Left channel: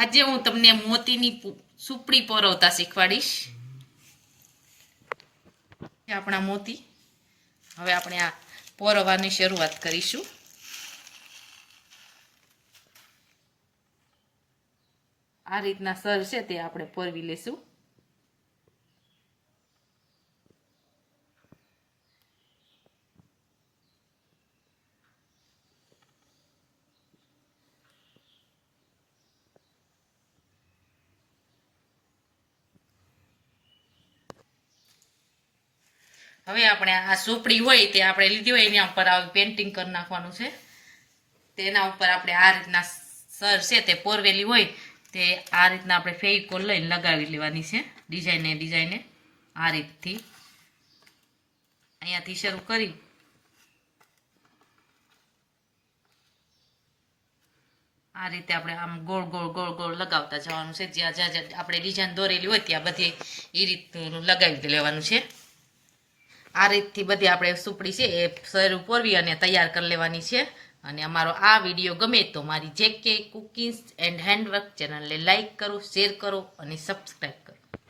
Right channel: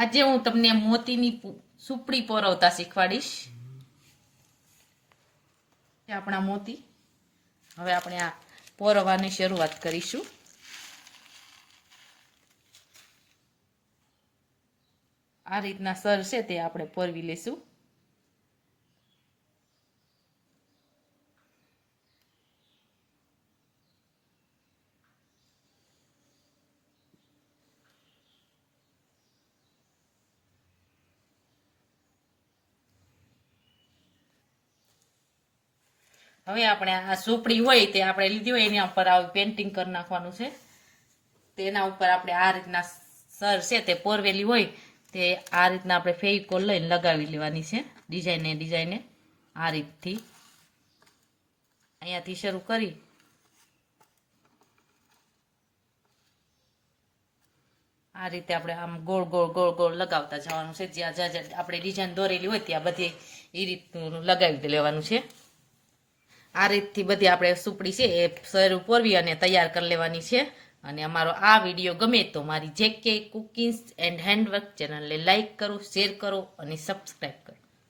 આજે હું તમને મોતીની સુપડી પરોવતા શીખવાડીશ. આપણા મોતી. હવે આપણે આ પરોવાની શરૂઆત કરીશું. આ રીતના સર છે તે આપણે પોરવી લેશું. હવે આપણે આ સોપડી હોય તે આપણે લીધી હોય એના ઉપર આવી પેન્ટિંગ કરી નાખવાનું છે. તેના ઉપર આપણે આ રીતના સર છે તે પોરવેલી હોય તે આ રીતના આપણે ફેવિકોલ લઈને લગાવી લેવાની છે ડિઝાઈને ડિઝાઈને આ રીતથી. અહીંયાથી શરૂ કરી. આ રીતે આપણે આમ ગોળ ગોળ ગોળ ગોળ લગાવતા જવાનું છે. જ્યાં જ્યાં આપણે ડિઝાઇન દોરેલી હોય ત્યાં બધી એ રીતનું લગાવી લેવાનું છે. આ રીતથી બધી આપણે સુપડી છે એ સર ઉપરવી અને તૈયાર કરી લેવાની છે. અને અમારો આ વીડિયો ગમે તો મારી જે કે કુકિંગ એન્ડ હેન્ડવર્ક ચેનલને લાઇક કરો, શેર કરો અને સબસ્ક્રાઈબ કરો.